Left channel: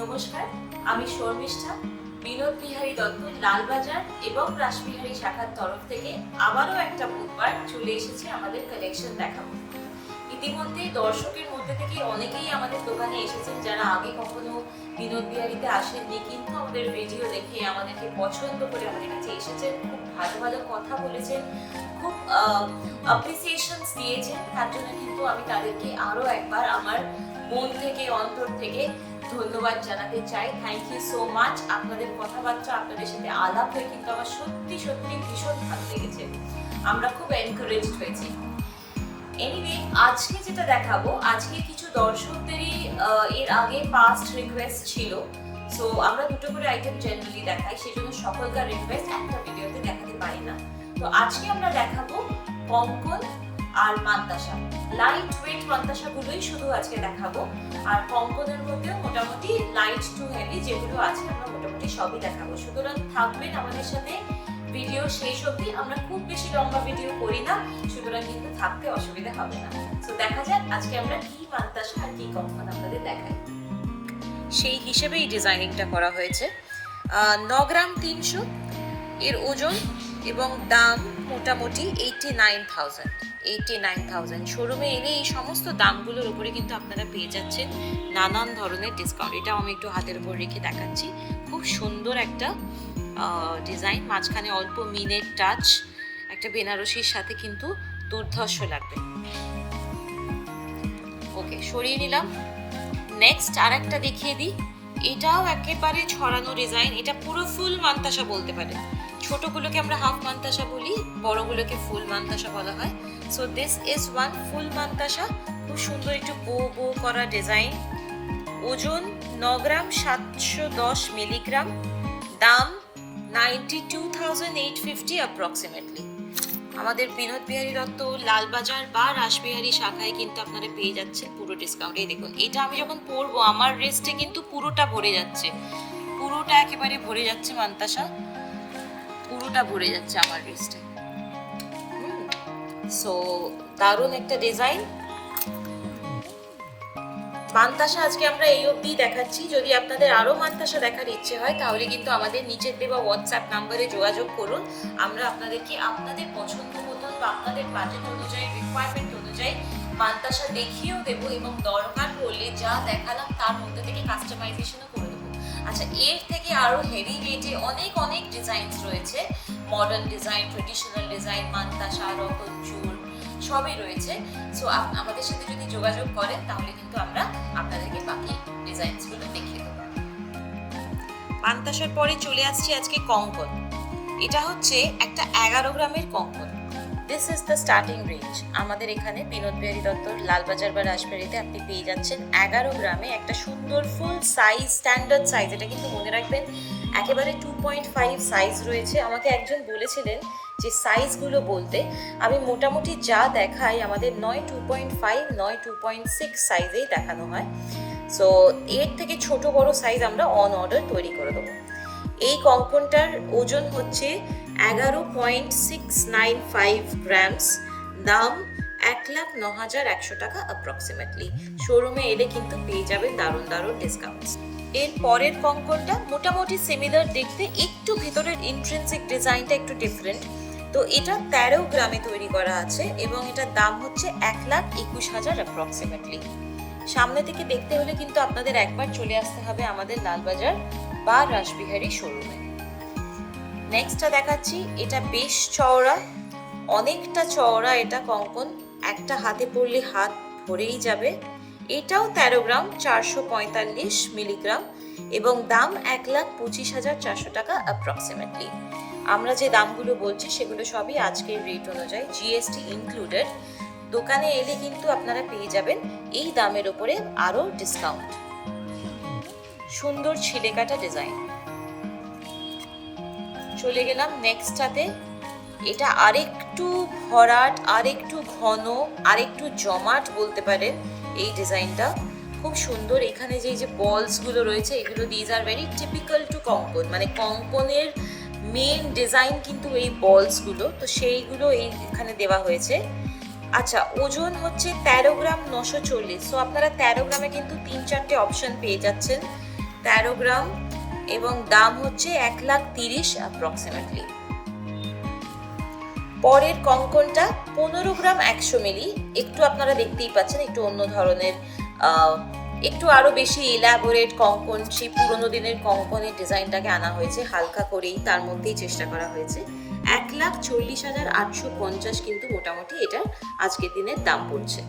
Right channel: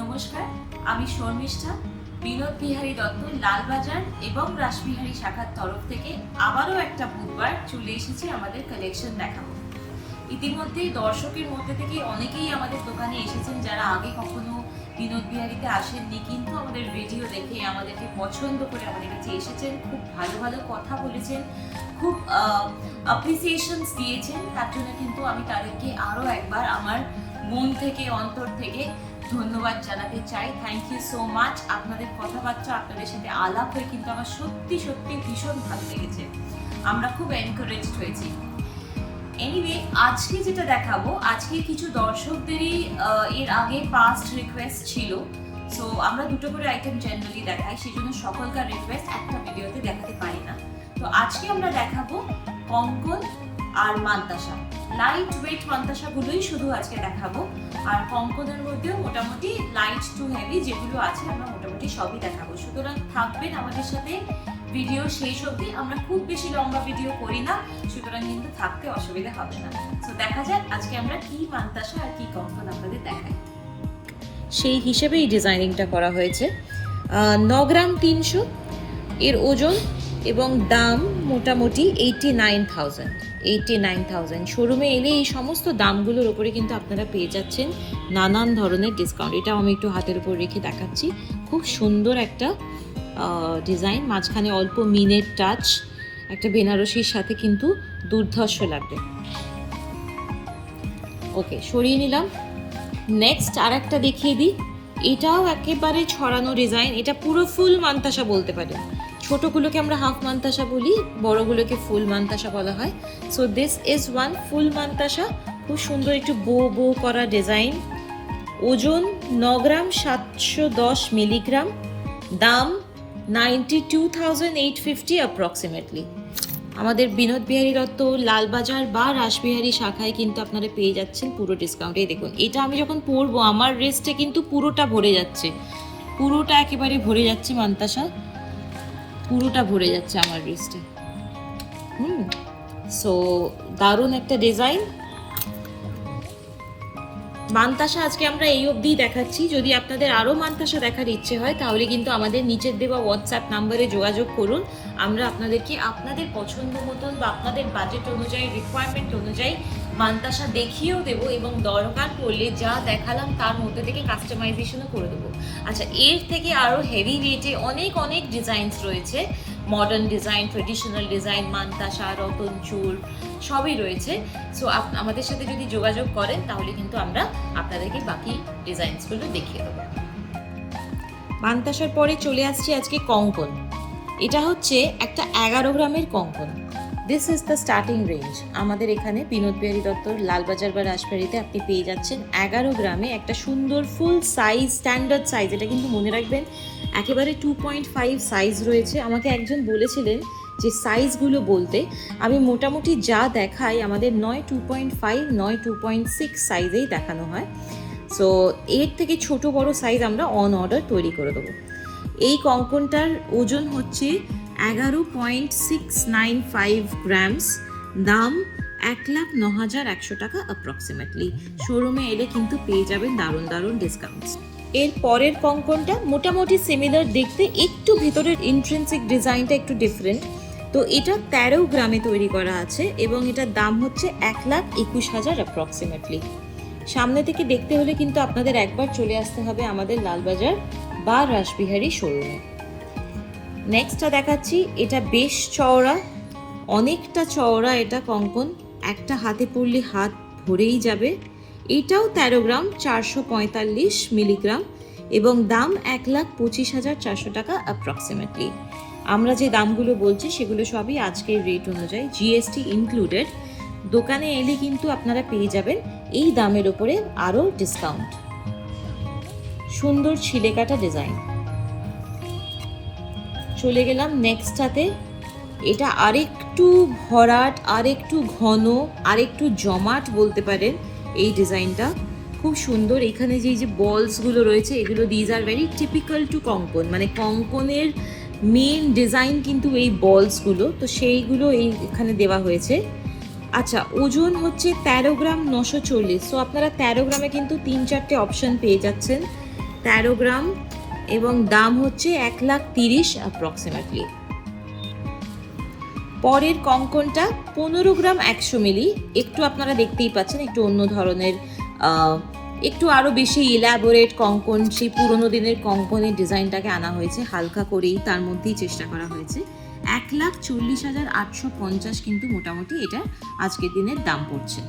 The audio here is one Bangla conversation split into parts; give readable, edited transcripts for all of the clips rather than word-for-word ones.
নমস্কার, আমি শর্মিষ্ঠা। বিনোদ বিহারী দত্ত লালবাজার এবং রাসবিহারী শাখার তরফ থেকে আবারও একটা বুধবার চলে এসেছি আমাদের কালেকশন দেখাবো। ইতিমধ্যে দর্শকের মধ্যে থেকে অনেকেই আমাদের দোকানে এসেছেন যারা আগে কখনো বিনোদ বিহারীতে আসেননি, কিন্তু আমাদের ভিডিও দেখে আমাদেরকে পছন্দ করে আমাদের কাছে এসেছেন, খুব ভালো ভালো কথা বলেছেন, খুব অ্যাপ্রিসিয়েশনস দিয়েছেন। তার জন্য কিন্তু আমি তাদেরকে আরও একবার আমার মন থেকে অন্তর থেকে ধন্যবাদ জানাতে চাই। Thank you so much. আপনাদের কথাবার্তা, আপনাদের সাথে আলাপ হয়ে কিন্তু আমার সত্যি সত্যি ভীষণ ভালো লেগেছে, আমরা খুব এনকারেজড হয়েছি। এনিওয়ে, আজকে যেটা দেখাবো, আজকে কিছু দর্শকদেরই এর আগে পাস্ট রিকোয়েস্ট ছিল, সো আমরা দুটো করে আইটেম জেনারেলি দেখাই, সেই জন্য সকলকার রিকোয়েস্ট একটা ভিডিওতে দেখাতে পারি না। তো আজকে আমরা দেখাবো কঙ্কন আর মান্তাসা, লাইট ওয়েট মান্তাসাগুলোই শুধু আজকে দেখাবো। আর কঙ্কনের মধ্যেও মোটামুটি লাইট টু হেভি যেগুলো আছে আমরা মোটামুটি সবই দেখাবো। সুতরাং থাকবেন আমাদের সাথে ভিডিও শেষ অবধি। আমরা খুব বেশি লম্বা ভিডিও করি না, সুতরাং কিন্তু থাকতে অসুবিধা হবে না। তো দেখা যাক আজকে আমরা কি মান্তাসা আর কি কঙ্কন আপনাদের দেখাই। সেই হিসেবে এই ডিজাইনিংটা করা হয়েছে। 9 গ্রাম 300 এর ওজন এবং দাম মোটামুটি 89,000। শোরুমে এলে এই সমস্ত দামগুলোর উপরে কিন্তু আপনারা পেয়ে যাচ্ছেন নানান ধরনের ডিসকাউন্ট। এটাও আমি একটু হাতের উপর রেখে দেখাচ্ছি। খুব সুন্দর একটা ডিজাইন, মাঝখানে অল্প মিনের টাচ, একটা বেনারসির সাথে কিন্তু দুর্ধর্ষ লাগবে। ওকে, সরিয়ে নিলাম। নেক্সট আর একটা দেখিয়ে দিই। এটাও একেবারে ছড়ানো ডিজাইন, এটা পুরো ফুল মান্তাসা বলতে পারে। ছোটগুলোকে আমরা হাফ মান্তাসা বলি, বড়গুলোকে ফুল মান্তাসা বলা হয়। সো দিস ইজ ওয়ান ফুল মান্তাসা। খুব সুন্দর একটু বো করা ডিজাইন। ওজন 9 গ্রাম 710 মিলিগ্রাম। দাম 92,850 অ্যাপ্রক্সিমেটলি। আমাদের বিনোদ বিহারী দত্ত লালবাজার বা রাসবিহারী শাখায় কিন্তু আপনারা পেয়ে যাচ্ছেন পুরো ডিসকাউন্টে। দেখুন, এটা আমি যখন পরবো আমার রেস্টে কিন্তু পুরোটা ভরে যাচ্ছে, পুরোটা একেবারে ভরে যাচ্ছে মান্তাসা, পুরোটা ভরে যাচ্ছে আমার রিস্টে। সো দারুণ একটা ডিজাইন। মান্তাসা আজকে আমরা এই অবধি দেখাচ্ছি। যদি আপনাদের আরও মান্তাসা দেখার ইচ্ছে হয় তাহলে কিন্তু আমাদের নিচের দেওয়া হোয়াটসঅ্যাপ নাম্বারে যোগাযোগ করুন। আমরা আপনাদেরকে আপনাদের পছন্দ মতন বা আপনাদের বাজেট অনুযায়ী, রিকোয়ারমেন্ট অনুযায়ী মান্তাসা দেখিয়েও দেবো, এবং দরকার পড়লে যা দেখালাম তার মধ্যে থেকে কাস্টমাইজেশনও করে দেবো। আচ্ছা, এর থেকে আরও হেভি রেটে অনেক অনেক ডিজাইনস রয়েছে, modern design, traditional design, mantasha, Ratan চুল সবই রয়েছে। সো আমাদের সাথে যদি যোগাযোগ করেন তাহলে কিন্তু আমরা আপনাদেরকে বাকি ডিজাইনসগুলো দেখিয়ে দেবো। মান্তাসার পরে চলে আসছি আজকে কঙ্কন। এটা হচ্ছে একটা 11 গ্রামের Konkan. This is the starting range. আমাদের এখানে বিনোদ বিহারী দত্তর লালবাজার বা রাসবিহারীতে আপনি পেয়ে যাচ্ছেন 11 গ্রামে একটা সুন্দর ফুল সাইজ, স্ট্যান্ডার্ড সাইজ। এটা কিন্তু মনে রাখবেন একেবারে 2.5 সাইজ রয়েছে। আমাকে একজন বলেছিলেন যে সাইজগুলো বলতে, আমি মোটামুটি যা দেখাই আমাদের নয় 2.5 নয় 2.6 সাইজেই দেখানো হয়। সো এর থেকে ছোট বড় সাইজ আমরা অন অর্ডার তৈরি করে দেবো। এই কঙ্কনটার ওজন হচ্ছে 11.695 গ্রামস। দাম 1,09,100 টাকা অ্যাপ্রক্সিমেটলি। শোরুমে এলে কিন্তু পেয়ে যাবেন দারুণ দারুণ ডিসকাউন্টস। এর পরের কঙ্কনটা মোটামুটি সিমিলার দেখতে, একটু ভিতরের ইন্ট্রিনসিক ডিজাইনটা একটু ডিফারেন্ট। তো এটা 13 গ্রামে তৈরি করা আছে এবং এটার দাম হচ্ছে 1,21,000 অ্যাপ্রক্সিমেটলি। সামনে থেকে দেখতে হলে কিন্তু আপনাদের একবার চলে আসতে হবে আমাদের লালবাজার বা রাসবিহারী শোরুমে। নেক্সটটা দেখাচ্ছি। এটা বেশ চওড়া, অনেকটা চওড়া এটা কঙ্কন, একটা হাতে পড়লে হাত ভরেই যাবে। এটাও 13 গ্রাম 445 মিলিগ্রাম এবং দাম 1,25,400 টাকা অ্যাপ্রক্সিমেটলি। আমরা যে দামগুলো বলছি সেগুলো সবই আজকের রেট অনুযায়ী, জিএসটি ইনক্লুডেড। দোকানে এলে কিন্তু আপনারা পেয়ে যাবেন এই দামের ওপরে আরও ডিসকাউন্ট। সুন্দর ছিলে কাটা ডিজাইন। চলে গেলাম নেক্সটটাতে। এটা আরেকটু ভরাট, আরেকটু ঘন, আরেকটু জমাট বলতে পারেন এই ডিজাইনটা। খুব সুন্দর। এখানে যে বলসগুলো রয়েছে এগুলো these are very typical to Konkan, মানে কঙ্কনের মেন ডিজাইন কিন্তু এই বলসগুলো, তো সেইগুলো এখানে দেওয়া হয়েছে। আচ্ছা, ওজন হচ্ছে 13 গ্রাম 940। সো আপনারা 13 গ্রামে কিন্তু 3-4টে অপশন পেয়ে যাচ্ছেন। 13 গ্রাম এবং দাম হচ্ছে 1,30,000 অ্যাপ্রক্সিমেটলি। পরের কঙ্কনটা 15 গ্রাম 100 মিলি, একটু আপনারা দেখতেই পাচ্ছেন একটু অন্য ধরনের, একটু আরো বেশি ইলাবোরেট কঙ্কন, সেই পুরোনো দিনের কঙ্কনের ডিজাইনটাকে আনা হয়েছে, হালকা করেই তার মধ্যেই চেষ্টা করা হয়েছে। 1,40,850 কিন্তু মোটামুটি এটা আজকের দিনের দাম পড়ছে।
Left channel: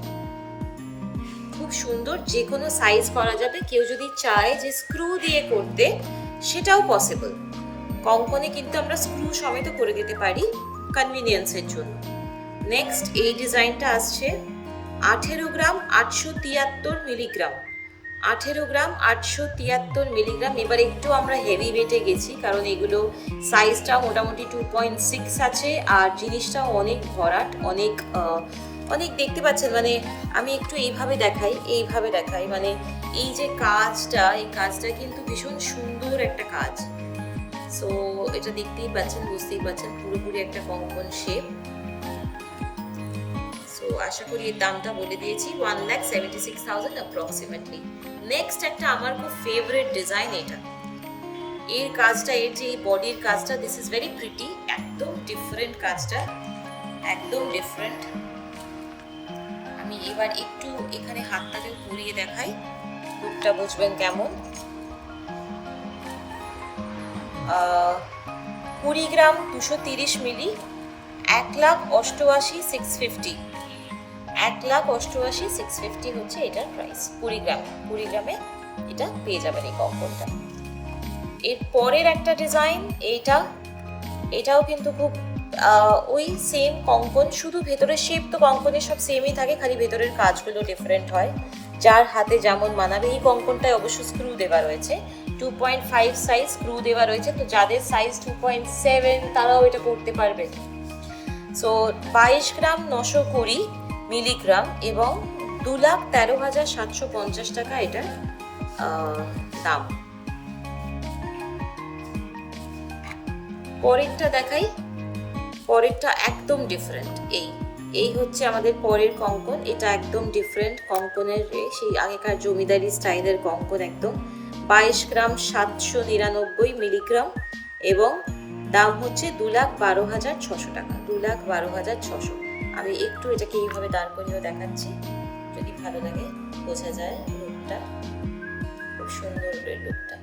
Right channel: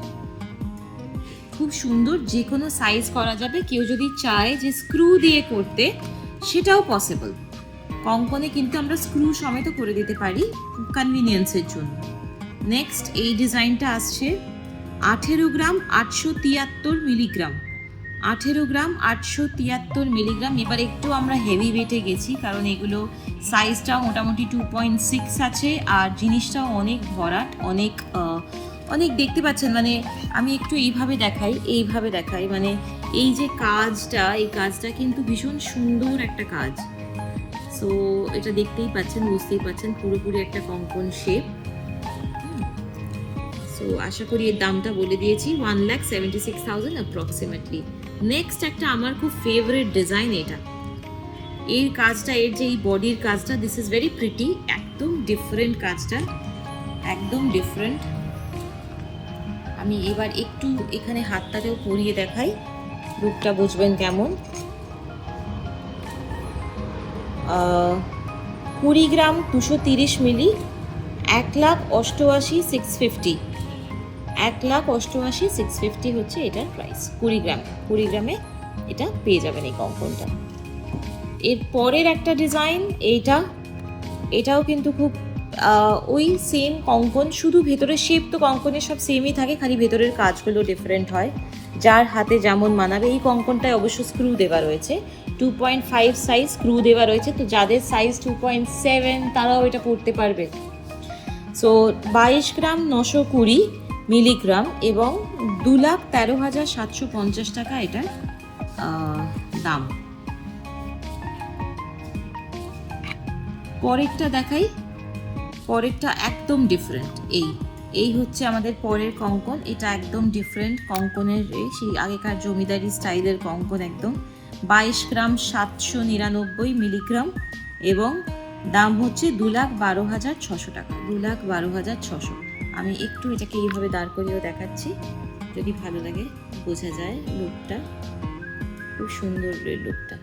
খুব সুন্দর, যে কোনো সাইজ করা যাবে, কেউ যদি চায় যে স্ক্রু দিয়ে করতে সেটাও পসিবল। কঙ্কনে কিন্তু আমরা স্ক্রু সমেত করে দিতে পারি কনভিনিয়েন্সের জন্য। নেক্সট এই ডিজাইনটা আসছে 18 গ্রাম 873 মিলিগ্রাম, 18 গ্রাম 873 মিলিগ্রাম। এবার একটু আমরা হেভি ওয়েটে গেছি, কারণ এগুলো সাইজটা মোটামুটি 2.6 আছে, আর জিনিসটাও অনেক ভরাট, অনেক অনেক দেখতে পাচ্ছেন। মানে আমি একটু এইভাবে দেখাই, মানে এই যে কাজটা, এই কাজটা কিন্তু ভীষণ সুন্দর একটা কাজ। সো এটা দেখতেই পাচ্ছেন, বুঝতেই পাচ্ছেন পুরোপুরি একটা কঙ্কন শেপ। সো আশা করি এর দামটা বলে দিয়েছি, 1,76,000 অ্যাপ্রক্সিমেটলি। নেক্সট একটা আমার খুব ফেভারিট ডিজাইন, এটা এর কাজটা, এর যে এই বডির কাজটা, দিস ইজ ভেরি প্রিটি, একদম ডিফারেন্ট কাজটা, একদম ডিফারেন্ট। আমি এবার একটু এখানে হাতটাকেও পরিয়ে দেখাই, লুকটা বুঝবেন কেমন। 20 গ্রাম 230 মিলি, 1,88,650, 1,88,650 হচ্ছে এটার প্রাইস। 20 গ্রামে এটা পেয়ে যাবেন এই কঙ্কনটা। এর পরের একটা ডিজাইন, এটাও কিন্তু খুব ওই সেম কঙ্কন, শুধু ভেতরের শেপ তো কঙ্কনের সব সেমই থাকে, খালি ভেতরের কাজগুলো ডিফারেন্ট হয়, যার হাতে যেমন মানাবে। এই কঙ্কনটায় অবশ্য স্ক্রু দেওয়া রয়েছে, 2.5 সাইজ স্ক্রু দেওয়া রয়েছে, তো যাদের সাইজ 2.7 তারাও এটা করতে পারবে। সো 22 গ্রাম 920 মিলিগ্রাম এবং 2,13,750 টাকা এটার দাম। পরেরটা দেখাই, পরেরটা একদম ডিফারেন্ট। এই হচ্ছে আমাদের পরের কঙ্কন, এটা একদম ডিফারেন্ট কঙ্কনের, সেই আগেকার জমিদারি স্টাইলের কঙ্কন একদম। 22 গ্রাম 799 মিলিগ্রাম এবং দাম হচ্ছে 2,12,600 টাকা, 2,12,600। আমি একটু এটাকে এইভাবে দাঁড় করিয়েও দেখাচ্ছি, যদি ভালো লাগে বোঝা যায় লুকটা, খুব সুন্দর লুকটা,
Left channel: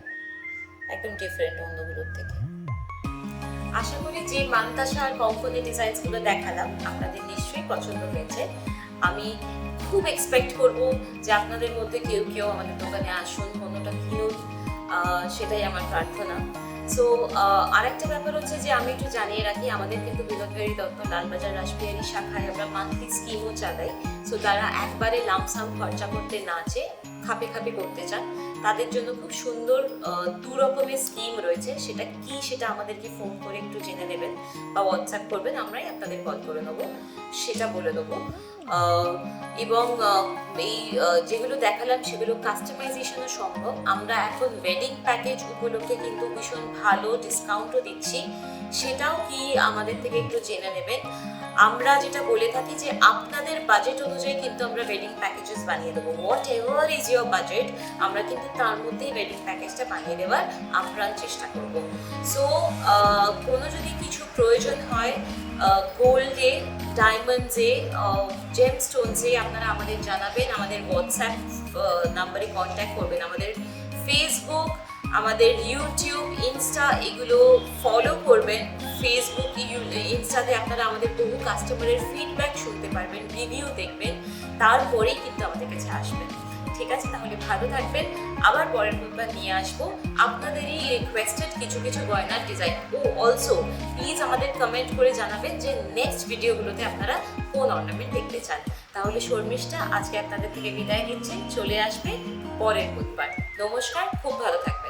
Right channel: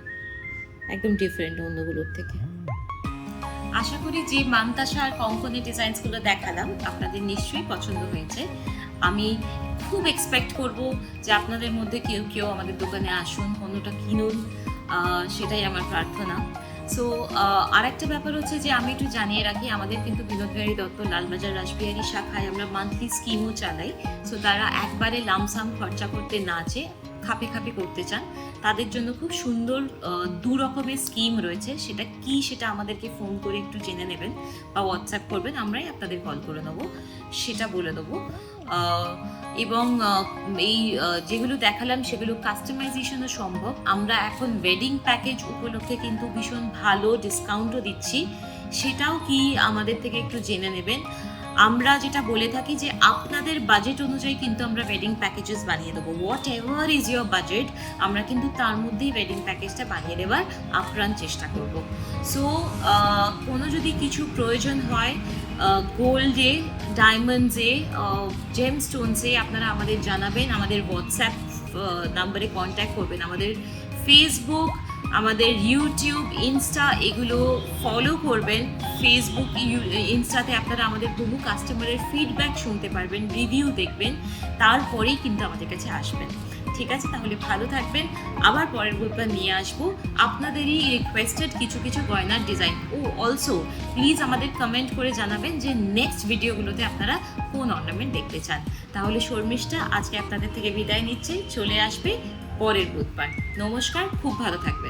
একদম ডিফারেন্ট অন্যগুলোর থেকে। আশা করি যে মান্তাসা আর কঙ্কনের ডিজাইনসগুলো দেখালাম আপনাদের নিশ্চয়ই পছন্দ হয়েছে। আমি খুব এক্সপেক্ট করব যে আপনাদের মধ্যে কেউ কেউ আমাদের দোকানে আসুন, পণ্যটা কিনুন, সেটাই আমার প্রার্থনা। সো আরেকটা ব্যাপার হচ্ছে যে আমি একটু জানিয়ে রাখি, আমাদের কিন্তু বিনোদ বিহারী দত্ত লালবাজার রাসবিহারী শাখায় আমরা মান্থলি স্কিমও চালাই। সো তারা একবারে লামসাম খরচা করতে না চেয়ে খাপে খাপে করতে চান, তাদের জন্য খুব সুন্দর 2 রকমের স্কিম রয়েছে। সেটা কি, সেটা আমাদেরকে ফোন করে একটু জেনে নেবেন বা হোয়াটসঅ্যাপ করবেন, আমরাই আপনাদের কল করে নেবো, সেটা বলে দেবো। এবং এই যেগুলো দেখালাম সেগুলো কাস্টমাইজেশনও সম্ভব। আমরা এখন ওয়েডিং প্যাকেজ উপলক্ষে কিন্তু ভীষণ ভালো ডিসকাউন্টও দিচ্ছি, সেটাও কি আমাদের থেকে একটু জেনে নেবেন। আমরা যেটা বলে থাকি যে আপনাদের বাজেট অনুযায়ী কিন্তু আমরা ওয়েডিং প্যাকেজেস বানিয়ে দেবো, what ever is your budget, আমরা কিন্তু তার মধ্যেই ওয়েডিং প্যাকেজটা বানিয়ে দেওয়ার আপ্রাণ চেষ্টা করব। সো কোনো যদি কিছু প্রয়োজন হয় গোল্ডে, ডায়মন্ডসে, জেমস্টোনসে, আপনারা আমাদের জানাবেন, আমাদের হোয়াটসঅ্যাপ নাম্বারে কন্ট্যাক্ট করবেন। আমাদের ফেসবুক, আমাদের ইউটিউব, ইনস্টা এগুলো ফলো করবেন। ফেসবুক, ইনস্টাতে আপনারা আমাদের বহু কাস্টমারের ফিডব্যাক শুনতে পারবেন, রিভিউ দেখবেন, তারপরেই কিন্তু আমাদের কাছে আসবেন। ঠিক আছে, তাহলে ভালো থাকবেন। আবার পরের বুধবার নিয়ে আসবো আপনাদেরই রিকোয়েস্টেড কিছু কিছু গয়নার ডিজাইন। ও অলসো প্লিজ আমাদের কমেন্ট করে জানাবেন যে নেক্সট ভিডিওগুলোতে আপনারা কোন অর্নামেন্ট দেখতে চান। তাহলে শর্মিষ্ঠা আজকে আপনাদের থেকে বিদায় নিচ্ছে, চলে আসবে পরের বুধবার। নমস্কার, খুব ভালো থাকবেন।